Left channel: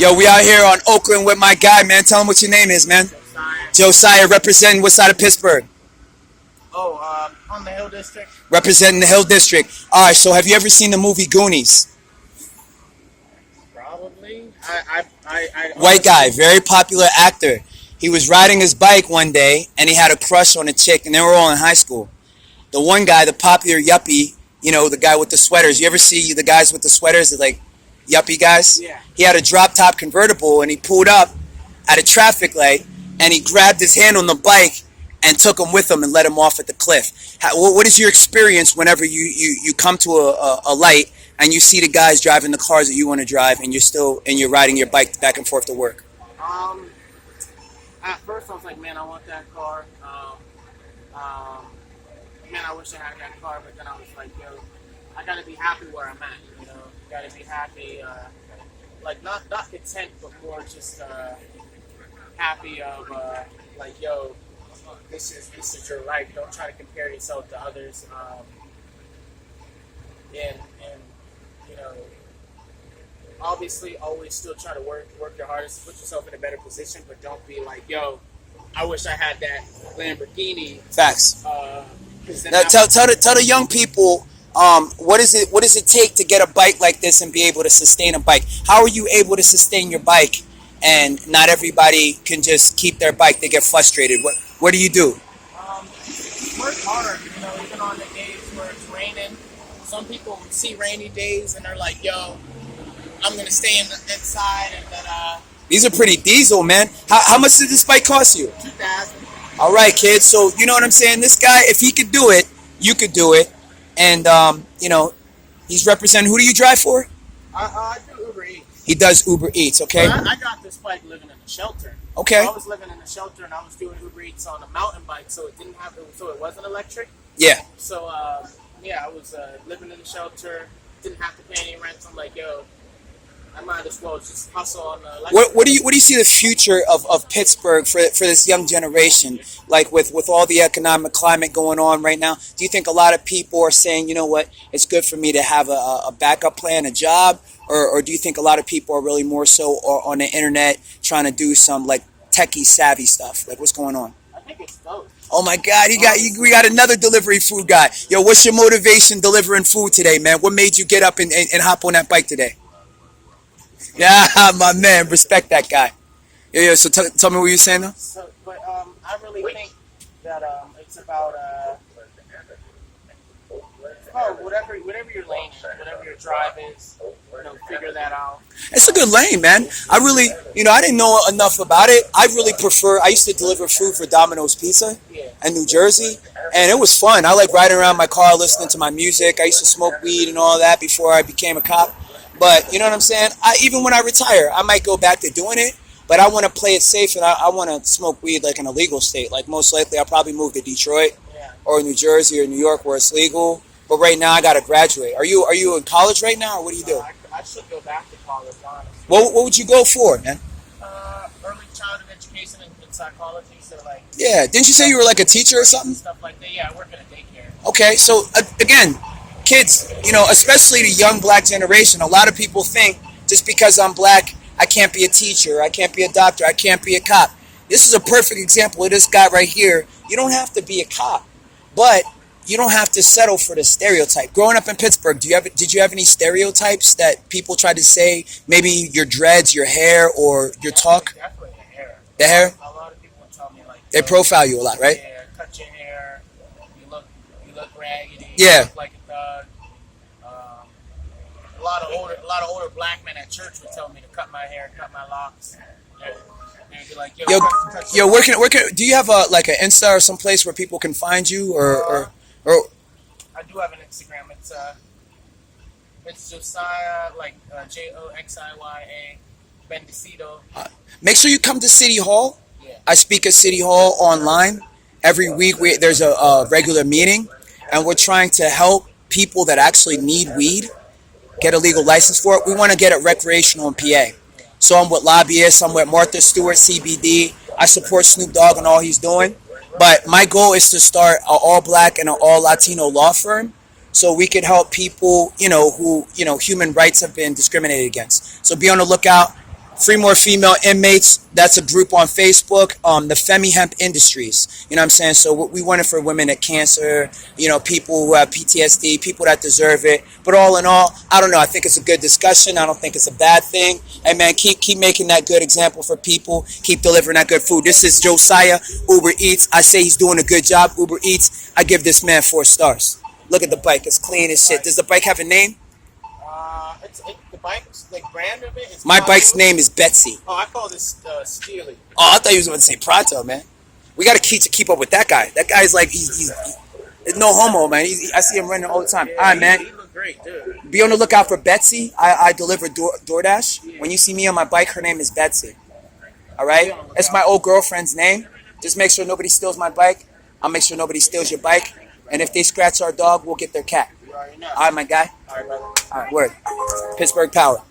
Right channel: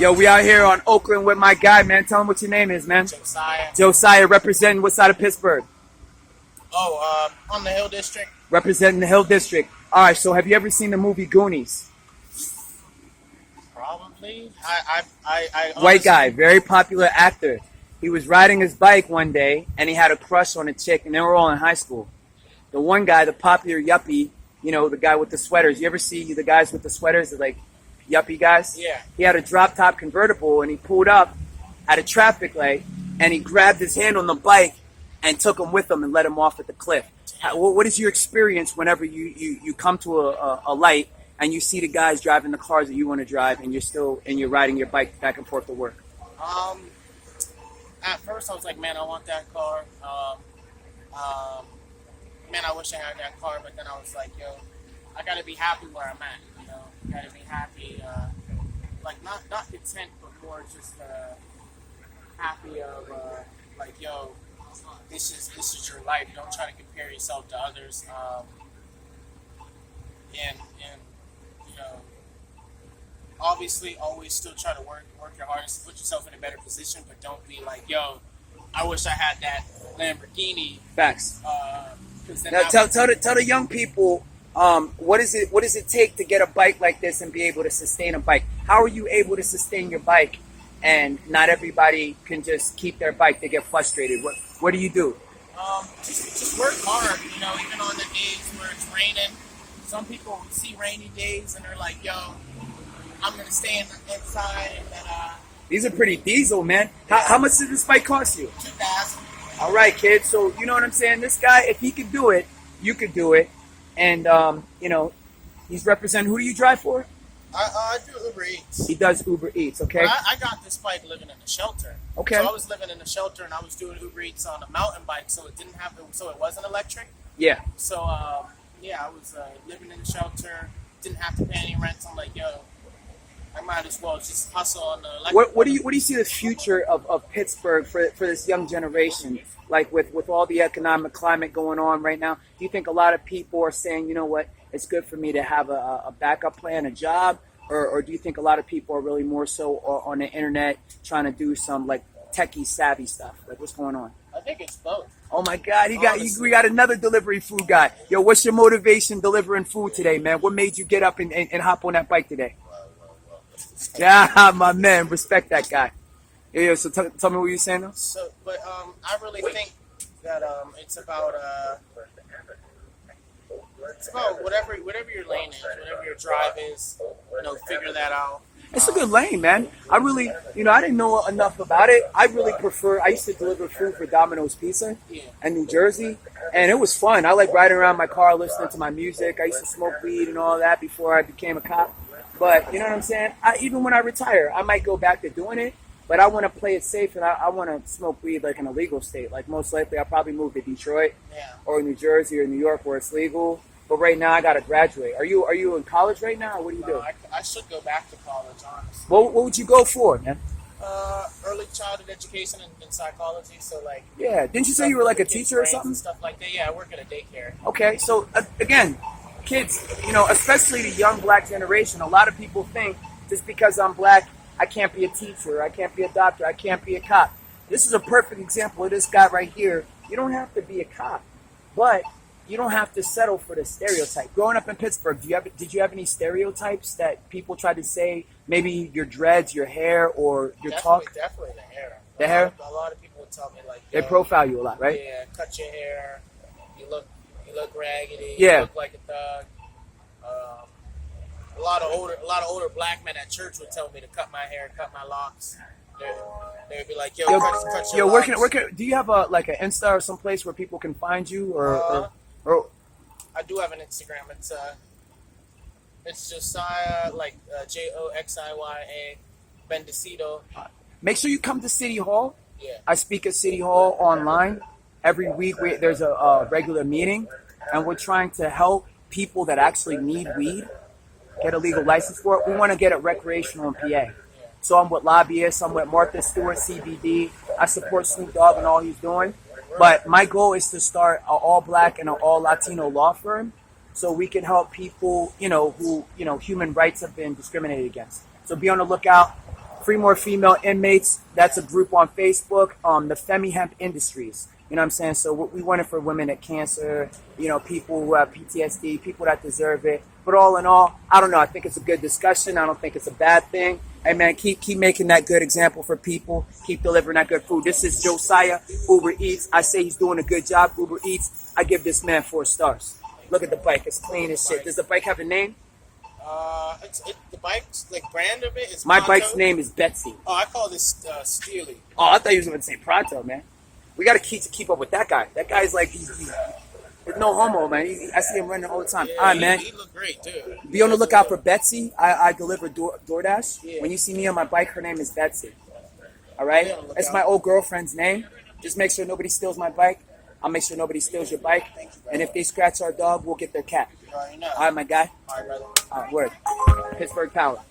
Yo, we out here on Oakland with my guy, man. Tell him what your name is, man. Josiah. Josiah, representing what side of Pittsburgh? On the Hill District. Representing the Hill District. All right, so have you ever seen the movie Goonies? Probably. I White guy, very popular actor. He was riding his bike one day, and he had a crush on a chick, and they were all in high school. The one guy, the popular yuppie, you know, the guy with the sweaters. You ever see the guys with the sweaters, like yuppie guys? Yeah. He had a drop-top convertible, and he pulled up at a traffic light, and he grabbed his hand on the bike and took him with him and let him off at the cliff. What is your experience whenever you come to a light and you see the guys driving the cars that you want to drive, and you're riding your bike back and forth to work? At first I was like, man, I want that car. Man, I wish I had that car. But then I was like, yo, I gotta be happy where I'm at. You know, gotta be happy. Like not content, but more just happy of like, yo, this is your life. Don't try to compare yourself to others. And you know, obviously, always still try to work your hardest, put yourself in a better position, but don't be like, yo, I wish I had that Lamborghini. Facts. Now, tell the young people, what does it take to get a bike like this and be able to sustain a bike? How are you able to sustain your bike? And not everybody can just keep their bike; they get frustrated. What do you do? Just work hard. You know, even on the days where it's raining. Some people see rainy days and they're like, yo, I'm gonna stay inside, and then These are pretty diesel, man. How much did this bike cost you? $2,000. All right, kids. So you know what I'm saying. This guy, if he could do it, you could do it. And you know, he's representing. Who do you drive for? I do Uber Eats. He does Uber Eats. Okay. I got this bike living in the shelter. Okay. So I was living in the shelter and I was doing Uber Eats on a mountain bike, so it wasn't electric. Yeah. So yeah, I was living in the shelter, didn't have to pay any rent. So I'm like, yo, I might as well just hustle on the electric. What do you see the future of Pittsburgh for this young generation? Like with all the economic climate going on right now, do you think a lot of people are saying, you know what, it's good for me to have a backup plan, a job, or do you think a lot of people are really more so on the internet trying to do some like techie savvy stuff? Like what's going on? I think it's both. Oh my God, we got another delivery food guy. Yo, what's your motivation delivering food today, man? What made you get up and hop on that bike today? Yeah, my man, respect that guy. Yeah. So tell me what you're saying though. So, but I really think that it's about whatever your lane is, whatever your drive is. You know, figure that out. It's a good lane, man. I really, I didn't know enough about it. I used to deliver food for Domino's Pizza in New Jersey, and it was fun. I like riding around my car listening to my music. I used to smoke weed and all that before I became a cop. But you know what I'm saying? Even when I retire, I might go back to doing it, but I want to play it safe, and I want to smoke weed like in a legal state. Like most likely, I'll probably move to Detroit or New Jersey or New York where it's legal. But right now, I got to graduate. Are you in college right now, or what do you do? I should go back to college, honestly. What would you go for, man? Early childhood education and psychology. So like. Yeah, didn't you say you were like a teacher or something? Stuff like that. Yeah, I work at a daycare. Okay, so again, kids, especially the young black generation, a lot of people think just because I'm black, I can't be a teacher, I can't be a doctor, I can't be a cop. This is a perfect example of this guy right here. You don't have to be a cop, but you don't have to settle for the stereotype. Growing up in Pittsburgh, did you have any stereotypes that people tried to say? Maybe your dreads, your hair, or your talk? Definitely the hair. The hair? A lot of people would tell me like. They profile you a lot, right? Yeah, cut your hair. You look raggedy. Yeah. You look like a thug. A lot of older black men at church would tell me to cut my hair, cut my locks. They'd be like, yo, where can do you have an Insta or some place where people can find you or I do have an Instagram. It's Josiah, like Joxiya Bendecido. Make sure you come to City Hall. Yeah. I speak at City Hall online every week. There's a regular meeting, and we're trying to help people that actually need weed get a legal license for it. We want to get it recreational in PA. So I'm with lobbyists. I'm with Martha Stewart, CBD. I support Snoop Dogg and all he's doing. But my goal is to start an all-black and an all-Latino law firm so we can help people, who, human rights have been discriminated against. So be on the lookout Free more female inmates. That's a group on Facebook. The Femi Hemp Industries. You know what I'm saying? So we want it for women at cancer, people who have PTSD, people that deserve it. But all in all, I don't know. I think it's a good discussion. I don't think it's a bad thing. Hey man, keep making that good example for people. Keep delivering that good food. This is Josiah, Uber Eats. I say he's doing a good job. Uber Eats. I give this man 4 stars. Look at the bike. It's clean as shit. Does the bike have a name? The bike's like brand of it is My Pronto. bike's name is Betsy. Oh, I call this Steely. Oh, I thought you was going to say Pronto, man. We got to keep up with that guy. That guy's like, he's no homo, man. I see him running all the time. Yeah, all right, man. He look great, dude. Be on the lookout for Betsy. I deliver DoorDash. Yeah. When you see me on my bike, her name is Betsy. All right? It's my old girlfriend's name. Just make sure nobody steals my bike. I'll make sure nobody steals your bike. And if they scratch our dog, we'll get their cat. You already know. All right, my guy. All right, brother. All right, word. Pittsburgh Power.